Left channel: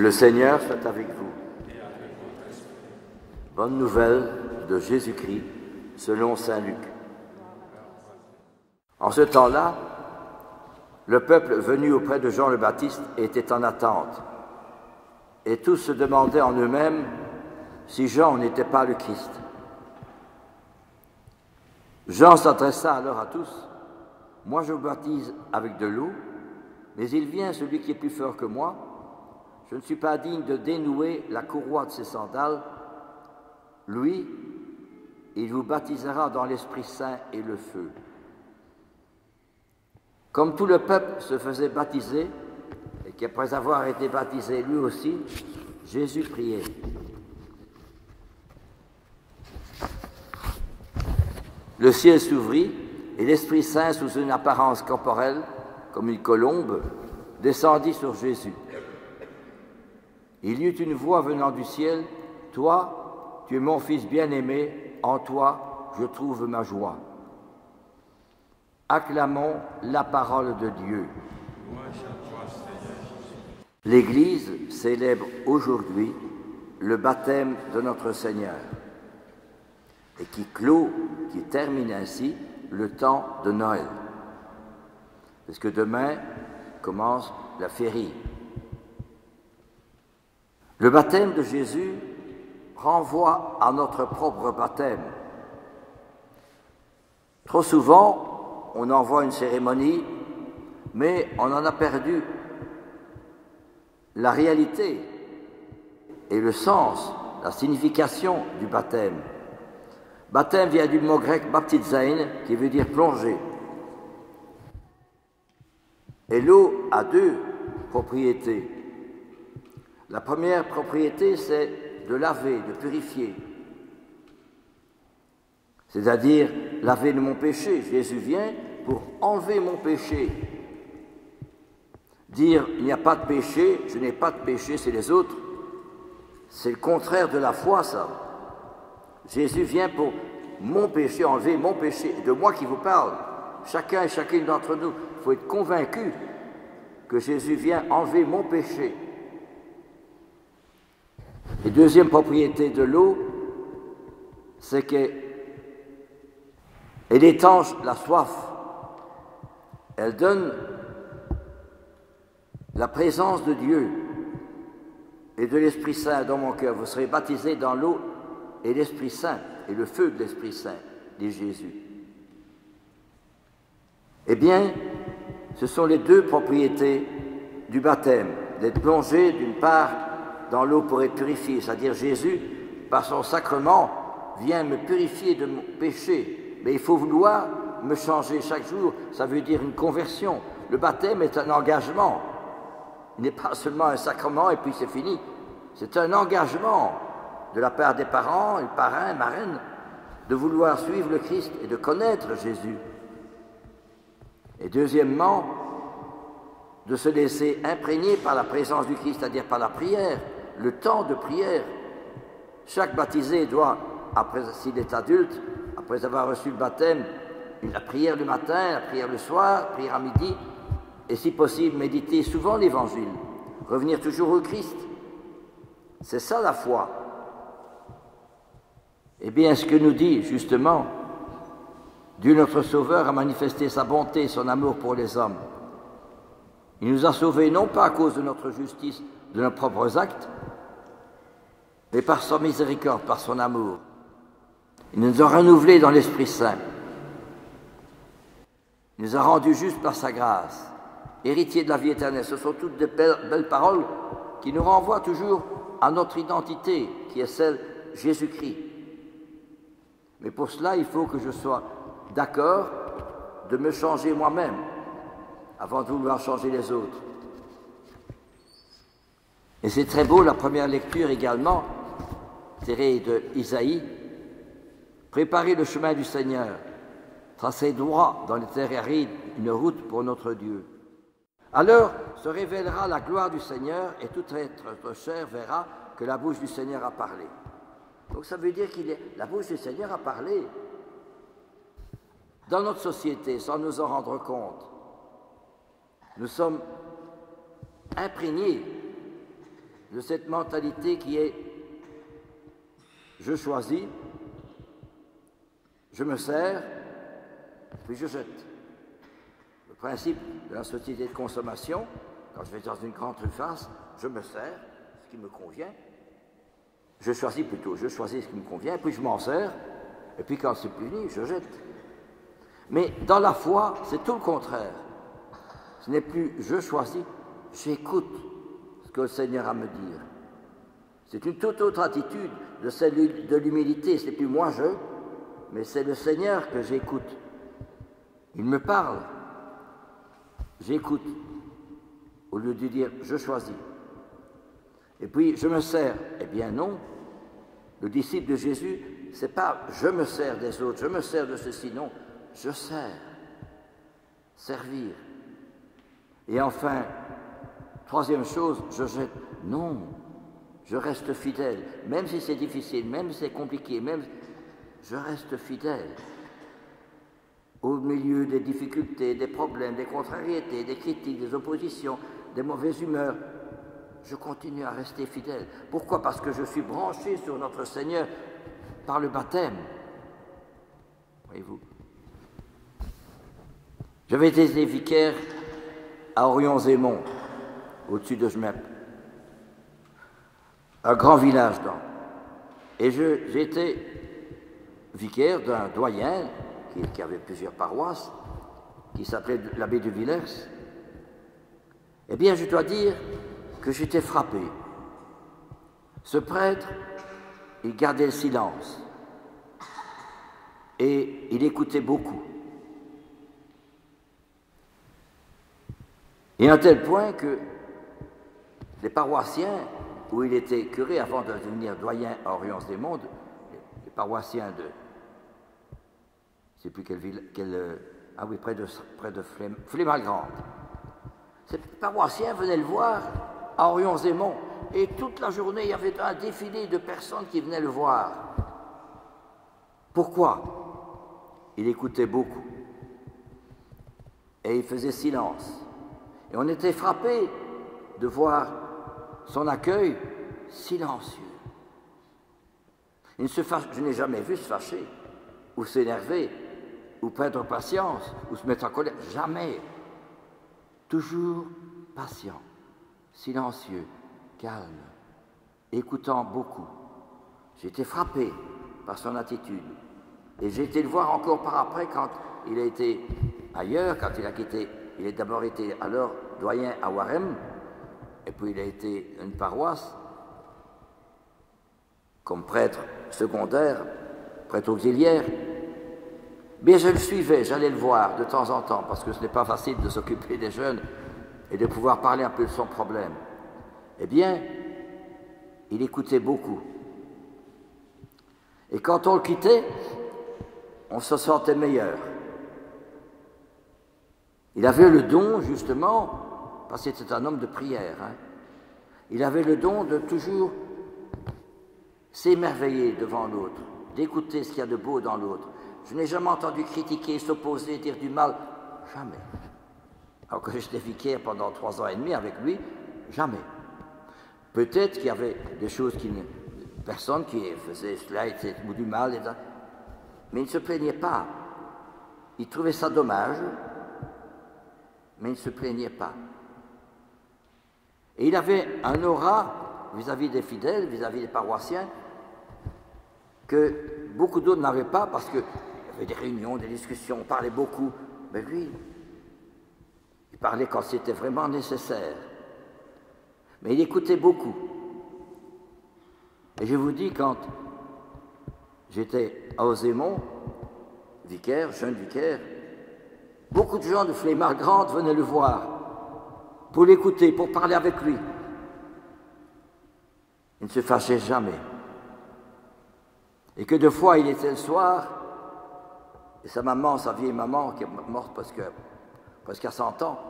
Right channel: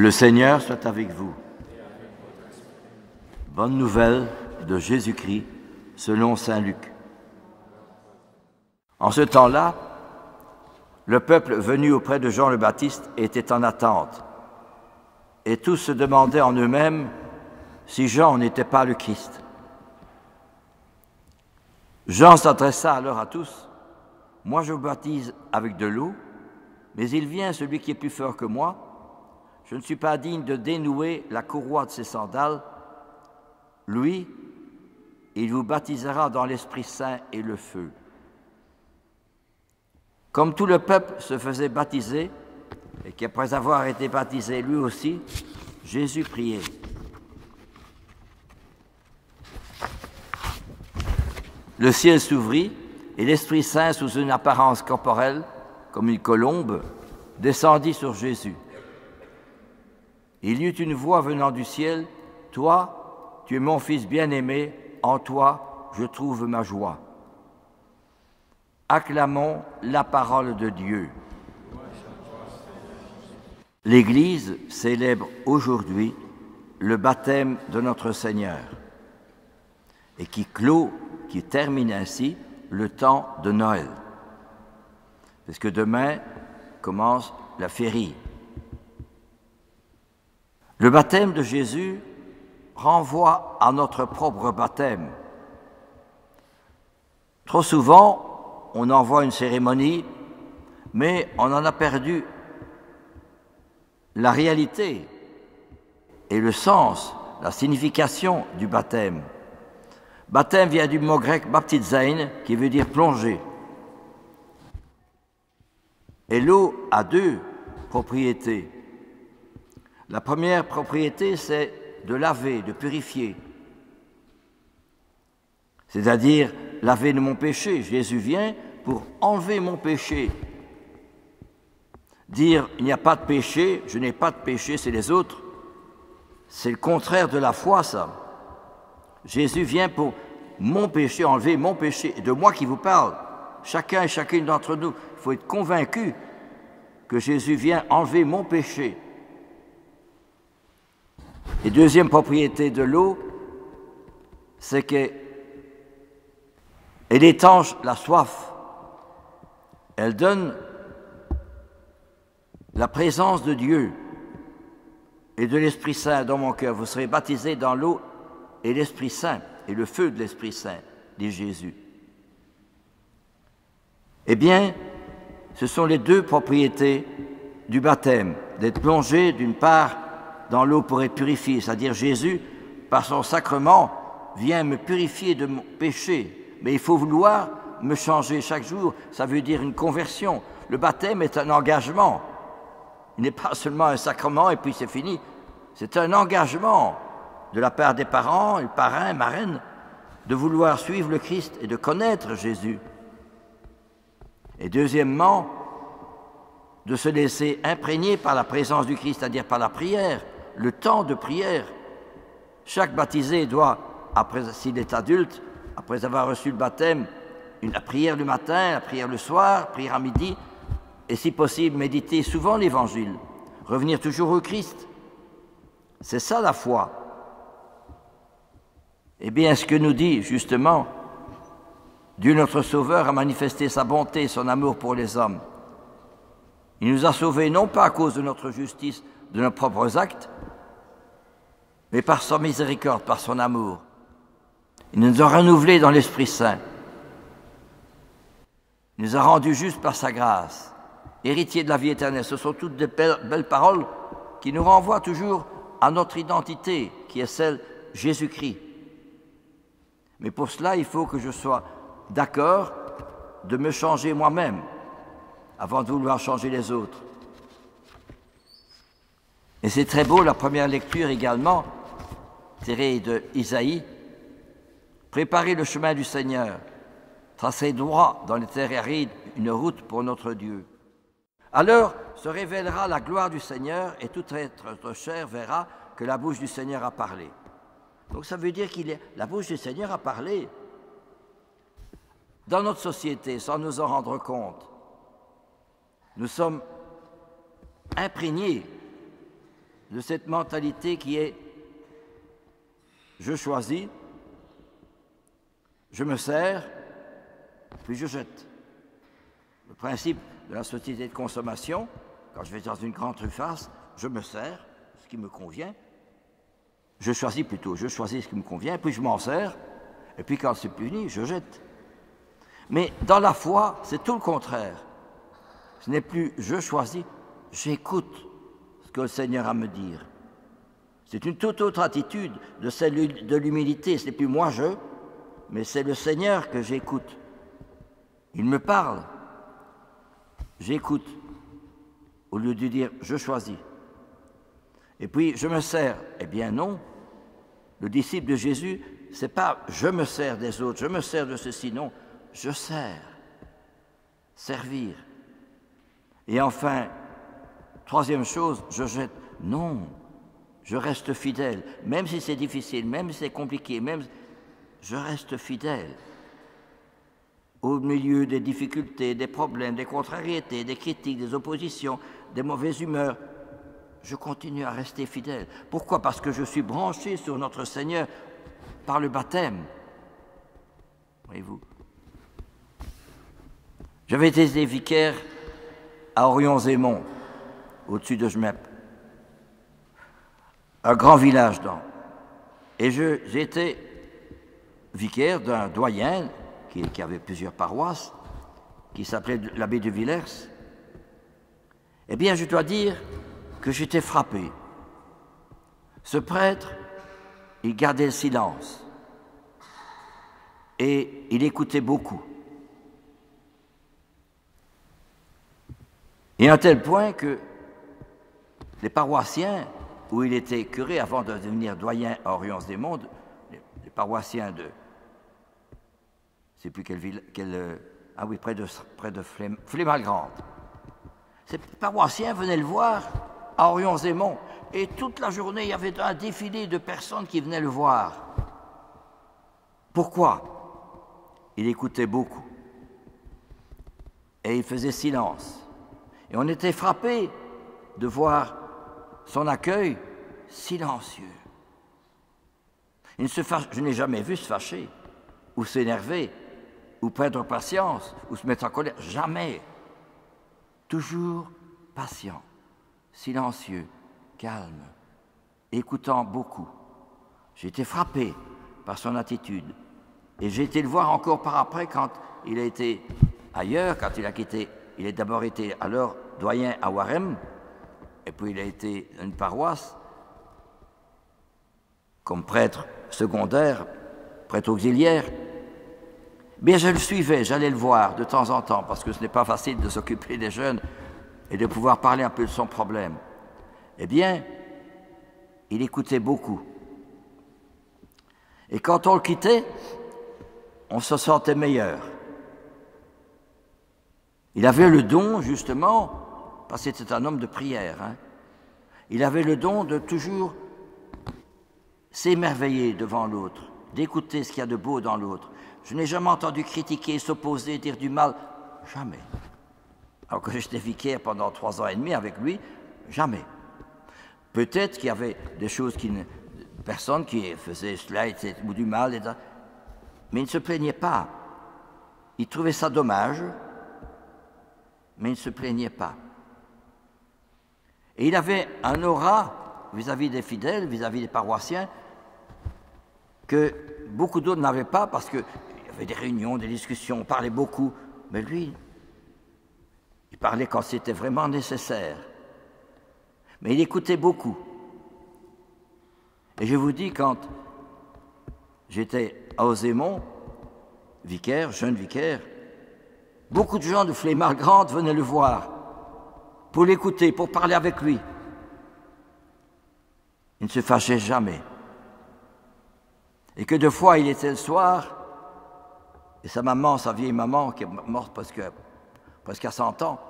Le Seigneur soit avec vous. Bonne nouvelle de Jésus-Christ selon saint Luc. En ce temps-là, le peuple venu auprès de Jean le Baptiste était en attente, et tous se demandaient en eux-mêmes si Jean n'était pas le Christ. Jean s'adressa alors à tous: « Moi je vous baptise avec de l'eau, mais il vient celui qui est plus fort que moi. Je ne suis pas digne de dénouer la courroie de ses sandales. Lui, il vous baptisera dans l'Esprit Saint et le feu. » Comme tout le peuple se faisait baptiser, et qu'après avoir été baptisé lui aussi, Jésus priait. Le ciel s'ouvrit, et l'Esprit Saint, sous une apparence corporelle, comme une colombe, descendit sur Jésus. Il y eut une voix venant du ciel: « Toi, tu es mon Fils bien-aimé, en toi je trouve ma joie. » Acclamons la parole de Dieu. L'Église célèbre aujourd'hui le baptême de notre Seigneur et qui termine ainsi le temps de Noël. Parce que demain commence la féerie. Le baptême de Jésus renvoie à notre propre baptême. Trop souvent, on envoie une cérémonie, mais on en a perdu la réalité et le sens, la signification du baptême. Baptême vient du mot grec baptizein, qui veut dire plonger. Et l'eau a deux propriétés. La première propriété, c'est de laver, de purifier. C'est-à-dire laver de mon péché. Jésus vient pour enlever mon péché. Dire il n'y a pas de péché, je n'ai pas de péché, c'est les autres. C'est le contraire de la foi, ça. Jésus vient pour mon péché, enlever mon péché. Et de moi qui vous parle, chacun et chacune d'entre nous, il faut être convaincu que Jésus vient enlever mon péché. Et deuxième propriété de l'eau, c'est qu'elle étanche la soif. Elle donne la présence de Dieu et de l'Esprit Saint dans mon cœur. Vous serez baptisés dans l'eau et l'Esprit Saint, et le feu de l'Esprit Saint, dit Jésus. Eh bien, ce sont les deux propriétés du baptême, d'être plongé d'une part dans l'eau pour être purifié, c'est-à-dire Jésus, par son sacrement, vient me purifier de mon péché. Mais il faut vouloir me changer chaque jour, ça veut dire une conversion. Le baptême est un engagement. Il n'est pas seulement un sacrement et puis c'est fini. C'est un engagement de la part des parents, les parrains, marraines, de vouloir suivre le Christ et de connaître Jésus. Et deuxièmement, de se laisser imprégner par la présence du Christ, c'est-à-dire par la prière, le temps de prière. Chaque baptisé doit, s'il est adulte, après avoir reçu le baptême, la prière le matin, la prière le soir, la prière à midi, et si possible, méditer souvent l'Évangile, revenir toujours au Christ. C'est ça la foi. Eh bien, ce que nous dit justement, Dieu notre Sauveur a manifesté sa bonté, son amour pour les hommes. Il nous a sauvés non pas à cause de notre justice, de nos propres actes, mais par sa miséricorde, par son amour. Il nous a renouvelés dans l'Esprit Saint. Il nous a rendus justes par sa grâce, héritiers de la vie éternelle. Ce sont toutes de belles paroles qui nous renvoient toujours à notre identité, qui est celle de Jésus-Christ. Mais pour cela, il faut que je sois d'accord de me changer moi-même, avant de vouloir changer les autres. Et c'est très beau, la première lecture également, tirée de Isaïe. Préparez le chemin du Seigneur, tracez droit dans les terres arides une route pour notre Dieu. Alors se révélera la gloire du Seigneur et toute être chair verra que la bouche du Seigneur a parlé. Donc ça veut dire la bouche du Seigneur a parlé dans notre société sans nous en rendre compte. Nous sommes imprégnés de cette mentalité qui est je choisis, je me sers, puis je jette. Le principe de la société de consommation, quand je vais dans une grande surface, je me sers ce qui me convient, je choisis ce qui me convient, puis je m'en sers, et puis quand c'est fini, je jette. Mais dans la foi, c'est tout le contraire. Ce n'est plus je choisis, j'écoute ce que le Seigneur a à me dire. C'est une toute autre attitude de celle de l'humilité. Ce n'est plus moi je, mais c'est le Seigneur que j'écoute. Il me parle. J'écoute, au lieu de dire je choisis. Et puis je me sers. Eh bien non. Le disciple de Jésus, c'est pas je me sers des autres, je me sers de ceci, non. Je sers. Servir. Et enfin, troisième chose, je jette. Non, je reste fidèle. Même si c'est difficile, même si c'est compliqué, je reste fidèle. Au milieu des difficultés, des problèmes, des contrariétés, des critiques, des oppositions, des mauvaises humeurs, je continue à rester fidèle. Pourquoi? Parce que je suis branché sur notre Seigneur par le baptême. Voyez-vous? J'avais été vicaire à Orion-Zémont, au-dessus de Jmep, un grand village et j'étais vicaire d'un doyen qui avait plusieurs paroisses, qui s'appelait l'abbé de Villers. Eh bien, je dois dire que j'étais frappé. Ce prêtre, il gardait le silence et il écoutait beaucoup. Et à un tel point que les paroissiens, où il était curé avant de devenir doyen à Orion-Zémont, les paroissiens de, je ne sais plus quelle ville, près de Flémalgrande. Ces paroissiens venaient le voir à Orion-Zémont, et toute la journée, il y avait un défilé de personnes qui venaient le voir. Pourquoi? Il écoutait beaucoup, et il faisait silence. Et on était frappé de voir son accueil silencieux. Je n'ai jamais vu se fâcher, ou s'énerver, ou perdre patience, ou se mettre en colère. Jamais. Toujours patient, silencieux, calme, écoutant beaucoup. J'ai été frappé par son attitude. Et j'ai été le voir encore par après quand il a été ailleurs, quand il a quitté. Il a d'abord été alors doyen à Warem, et puis il a été une paroisse comme prêtre secondaire, prêtre auxiliaire. Mais je le suivais, j'allais le voir de temps en temps, parce que ce n'est pas facile de s'occuper des jeunes et de pouvoir parler un peu de son problème. Eh bien, il écoutait beaucoup. Et quand on le quittait, on se sentait meilleur. Il avait le don, justement, parce que c'était un homme de prière, il avait le don de toujours s'émerveiller devant l'autre, d'écouter ce qu'il y a de beau dans l'autre. Je n'ai jamais entendu critiquer, s'opposer, dire du mal, jamais. Alors que j'étais vicaire pendant 3 ans et demi avec lui, jamais. Peut-être qu'il y avait des choses personne qui faisait cela, ou du mal, etc. Mais il ne se plaignait pas. Il trouvait ça dommage, mais il ne se plaignait pas. Et il avait un aura vis-à-vis des fidèles, vis-à-vis des paroissiens, que beaucoup d'autres n'avaient pas, parce qu'il y avait des réunions, des discussions, on parlait beaucoup, mais lui, il parlait quand c'était vraiment nécessaire. Mais il écoutait beaucoup. Et je vous dis, quand j'étais à Ozémont, vicaire, jeune vicaire, beaucoup de gens de Flémalgrande venaient le voir pour l'écouter, pour parler avec lui. Il ne se fâchait jamais. Et que deux fois, il était le soir, et sa maman, sa vieille maman, qui est morte presque à 100 ans,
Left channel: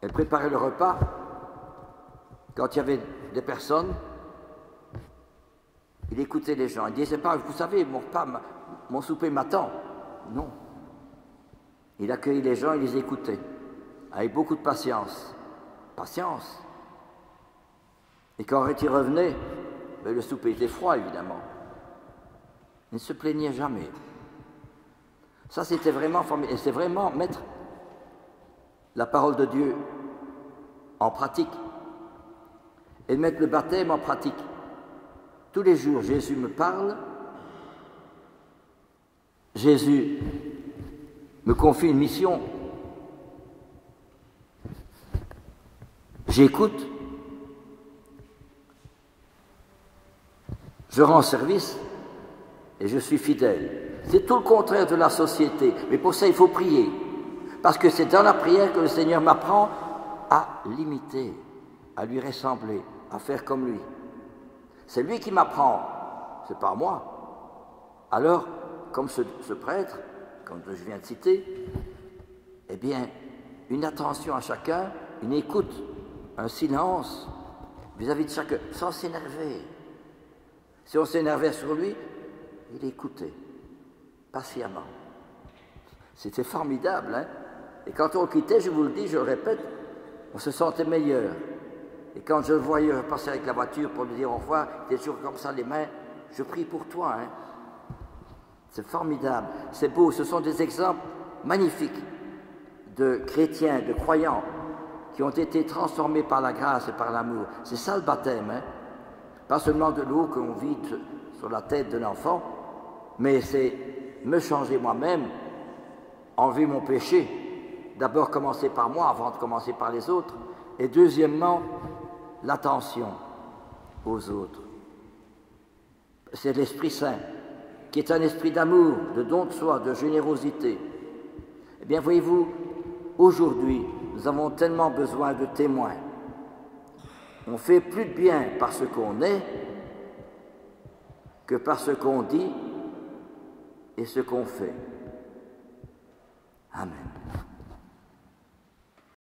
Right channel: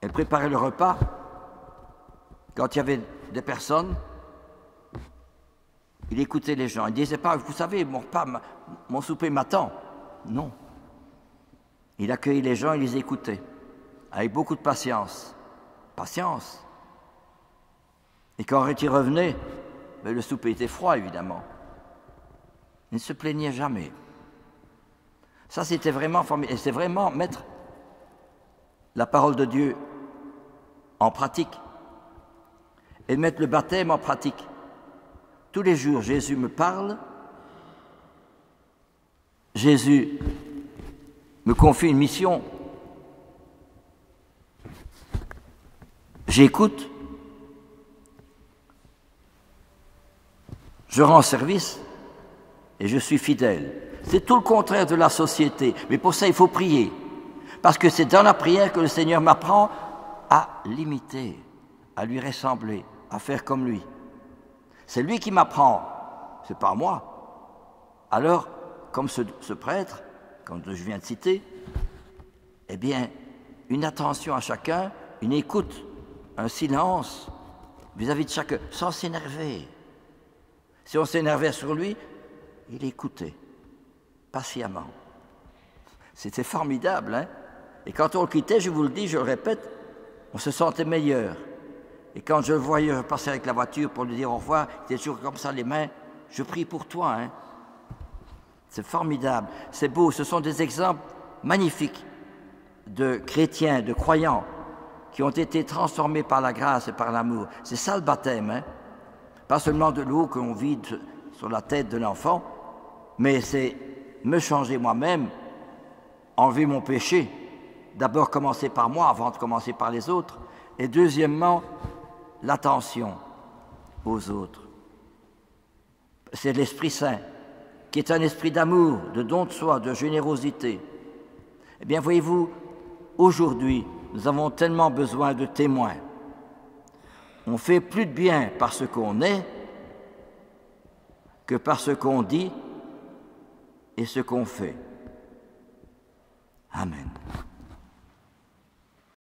elle préparait le repas. Quand il y avait des personnes, il écoutait les gens. Il ne disait pas, vous savez, mon repas, mon souper m'attend. Non. Il accueillait les gens, il les écoutait, avec beaucoup de patience. Patience. Et quand il revenait, le souper était froid, évidemment. Il ne se plaignait jamais. Ça, c'était vraiment formidable. Et c'est vraiment mettre la parole de Dieu en pratique et mettre le baptême en pratique. Tous les jours, Jésus me parle, Jésus me confie une mission, j'écoute, je rends service et je suis fidèle. C'est tout le contraire de la société, mais pour ça il faut prier, parce que c'est dans la prière que le Seigneur m'apprend à l'imiter, à lui ressembler, à faire comme lui. C'est lui qui m'apprend, c'est pas moi. Alors, comme ce prêtre, comme je viens de citer, eh bien, une attention à chacun, une écoute, un silence vis-à-vis de chacun, sans s'énerver. Si on s'énervait sur lui, il écoutait, patiemment. C'était formidable, hein? Et quand on le quittait, je vous le dis, je le répète, on se sentait meilleur. Et quand je le voyais passer avec la voiture pour lui dire au revoir, il était toujours comme ça, les mains, je prie pour toi, hein? C'est formidable, c'est beau, ce sont des exemples magnifiques de chrétiens, de croyants, qui ont été transformés par la grâce et par l'amour. C'est ça le baptême, hein? Pas seulement de l'eau qu'on vide sur la tête de l'enfant, mais c'est me changer moi-même, enlever mon péché, d'abord commencer par moi avant de commencer par les autres, et deuxièmement, l'attention aux autres. C'est l'Esprit Saint, qui est un esprit d'amour, de don de soi, de générosité. Eh bien, voyez-vous, aujourd'hui, nous avons tellement besoin de témoins. On fait plus de bien par ce qu'on est que par ce qu'on dit et ce qu'on fait. Amen.